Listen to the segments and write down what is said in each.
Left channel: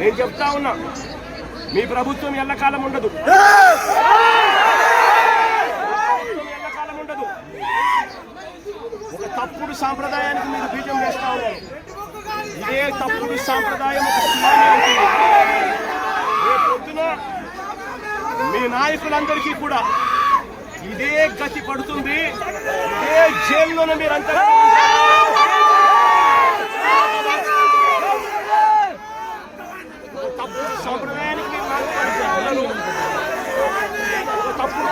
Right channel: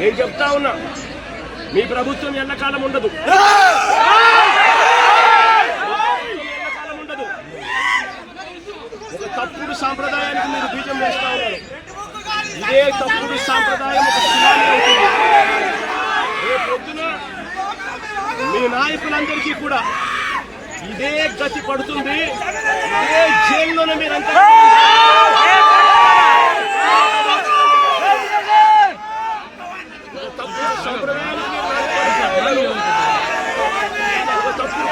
నేను చెప్తా ఉన్నా మీ ప్రభుత్వం ఎల్లకాలం ఉండదు. ఎల్లకాలం ఉండదు ఒక తప్పుడు సాంప్రదాయానికి మీరు బీజం వేస్తా ఉన్నారు. ఇదే తప్పుడు సాంప్రదాయం ఒక సునామీ అవుతుంది. రేపు పొద్దున మీ నాయకులందరికీ కూడా ఇదే గతి పడుతుంది. ఇదే జైల్లోనే మీరంతా ఒక తప్పుడు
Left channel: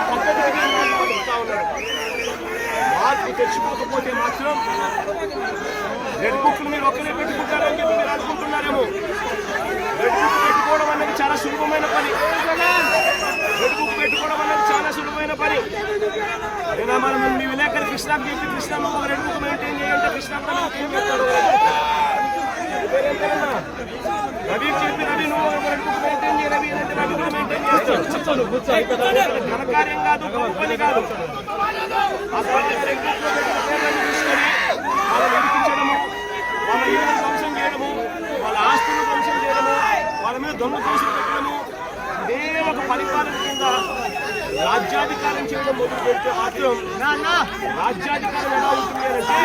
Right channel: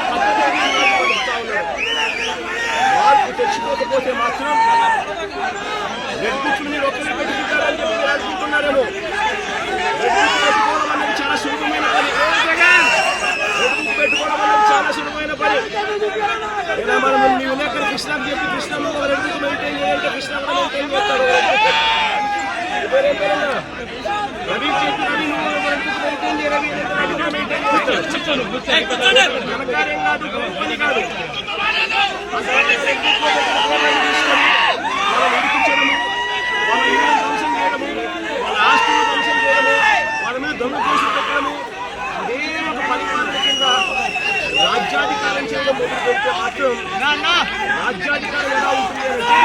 పద్ధతికి నాటుపడుతూ ఉన్నారు మార్పు తెచ్చుకోకపోతే మాత్రం రెడ్ బుక్లు మీరు ఒక్కరే పెట్టుకుంటారని చెప్పి మీరు అనుకుంటున్నారేమో రెడ్ బుక్ పెట్టుకోవడం అనేది చాలా సులభమైన పని రెడ్ బుక్ పెట్టుకోవడం అనేది చాలా సులభమైన పని నేను మనం మీ విలేకరు కృష్ణకు చెప్పి కృష్ణ ఒక రెడ్ బుక్ మెయింటైన్ చేయాలంటే కృష్ణ కూడా మెయింటైన్ చేస్తాడు రవి చెప్పిన ఘనకార్యం కాదు గొప్ప పని కాదు ఆ తర్వాత వాళ్ళ ఇల్లు ధ్వంసం చేయడము వాళ్ళ ఆస్తులు ధ్వంసం చేయడము వాళ్ళ మీద దొంగ పెట్టడము ఒక పరిపాలన కింద రాజ్యాధికారం చేయడం మొదలు పెడితే మాత్రం రాజ్యాధికారం ఎలా ఉంటుంది అంటే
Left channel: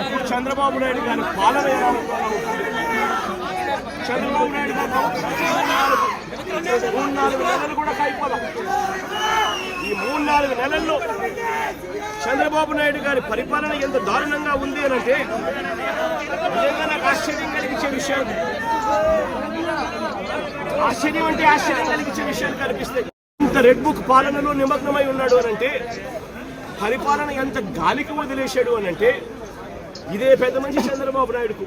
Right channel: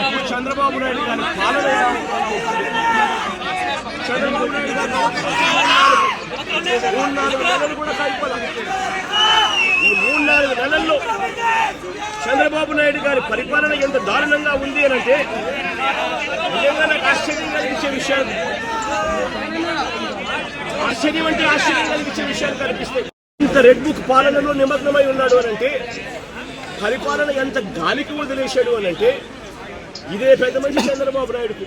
ఇప్పుడు చంద్రబాబు నాయుడు గారి పాలన ఎలా ఉంటుంది? చంద్రబాబు నాయుడు గారు మూడు నాలుగు నెలలు కూడా కైపల ఈ మూడు నాలుగు నెలల్లో చంద్రబాబు నాయుడు గారి పరిపాలన ఎంత దారుణంగా ఉంది అని అంటే నిజంగా నాకు ఆశ్చర్యం కలిగించే విషయాలు ఆశ్చర్యం అంటే ఆశ్చర్యం కలిగించే విషయాలు కనిపిస్తాయి. ఇంత రెడ్ బుక్ పాలనలో నిమగ్నమై ఉన్నాడు అని అంటే పరిపాలన ఎంత గాలికి వదిలేశాడు అని అంటే ఇదే పెద్ద మనిషి చంద్రబాబు నాయుడుకు.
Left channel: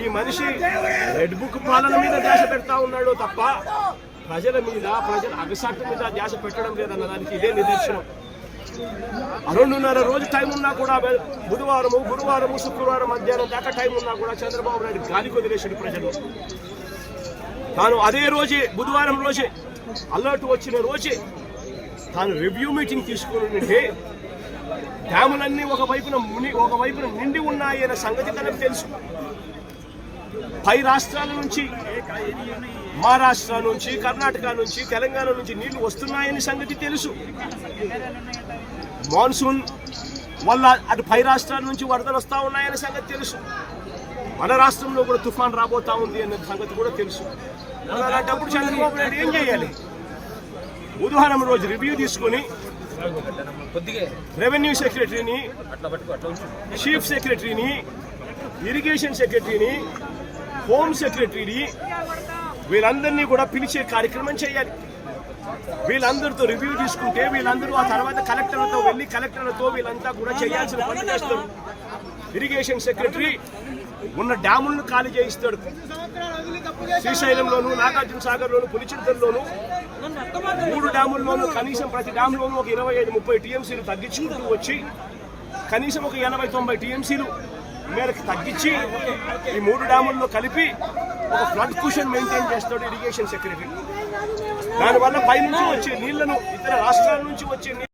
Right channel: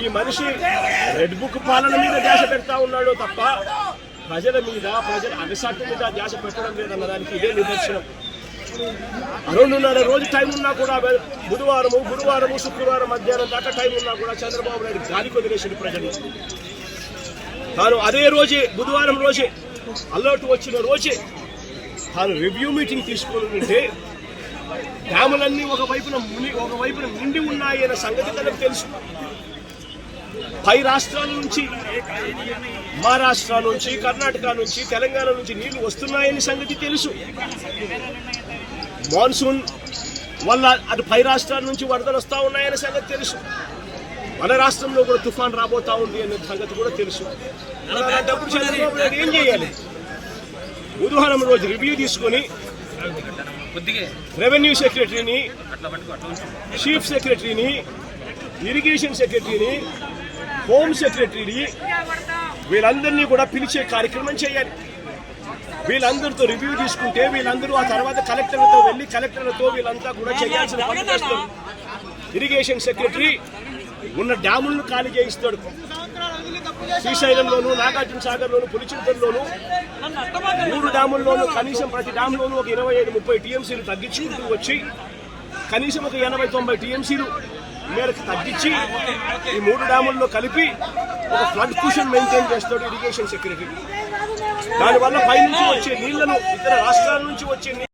ఈ మనిషి రెడ్ బుక్ పాలన మీద ధ్యాస పెడతా ఉన్నాడో తప్ప ప్రజల మీద ప్రజల అగసాట్ల మీద ధ్యాస పెట్టడం లేదన్న దానికి ఇదే నిదర్శనం. రెండున్నర రోజు టైం ఉన్నా కూడా బుధవారము గురువారము శుక్రవారం మధ్యాహ్నం దాకా టైం ఉన్నా కూడా చంద్రబాబు నాయుడు గాలికి వదిలేసాడు ప్రజలు. తాను అదే రోజే బుధవారం రోజే అలర్ట్ వచ్చిన రోజే తాను రివ్యూ మీటింగ్ తీసుకుని ఉంటే డ్యాములన్నీ ఒక వైపున ముని ఒక వైపున నిండి ఉన్నాయి అనే సంగతి తనకు తెలుసు. పై రాష్ట్రాల నుంచి మహారాష్ట్ర నుంచి కర్ణాటక నుంచి తెలంగాణ నుంచి నీళ్ళు వస్తున్నాయని సంగతి తెలుసు. మాన్సూన్ వల్ల అటు పై రాష్ట్రాల నుంచి వరదలు వస్తా ఉన్నాయనే సంగతి తెలుసు. మన రాష్ట్రంలో కూడా తుఫాన్ రాబోతా ఉంది అనే సంగతి కూడా తెలుసు. మరి అలాంటప్పుడు చంద్రబాబు నాయుడు ఏం చేయాలి? బుధవారం రోజు రివ్యూ తీసుకొని రెవెన్యూ సెక్రటరీని చీఫ్ సెక్రటరీని ఇరిగేషన్ సెక్రటరీని హోమ్ సెక్రటరీని వీళ్ళందరినీ కూడా పిలిచే కార్యక్రమం చేయాలి. వీళ్ళందరితో రివ్యూ తీసుకుంటే వీళ్ళందరూ ఆ తర్వాత కలెక్టర్లతో వెళ్ళి కలెక్టర్లతో వీళ్ళంతా కూడా చేయాల్సిన పనులు చేస్తారు. ఇరిగేషన్ సెక్రటరీ ఉన్న డ్యాములను ఖాళీ చేయిస్తాడు. శ్రీశైలంలోను నాగార్జున సాగర్లోను పులిచింతల్లోను మూడు డ్యాముల్లోనూ కనీసం ప్రతి డ్యామ్లోనూ ఒక ఇరవై ఐదు ముప్పై టీఎంసీలు తగ్గించుకుంటూ వచ్చి కనీసం ఒక ఎనభై తొంభై టీఎంసీలు మేరకు తగ్గించి ఈ మూడు డ్యాముల్లో కలిపి ఒక ఫ్లడ్ కుషన్ మెయింటైన్ చేస్తాడు ఇరిగేషన్ సెక్రటరీ దానివల్ల పైనుంచి వచ్చే నీళ్ళను ఇతర రాష్ట్రాల నుంచి వచ్చే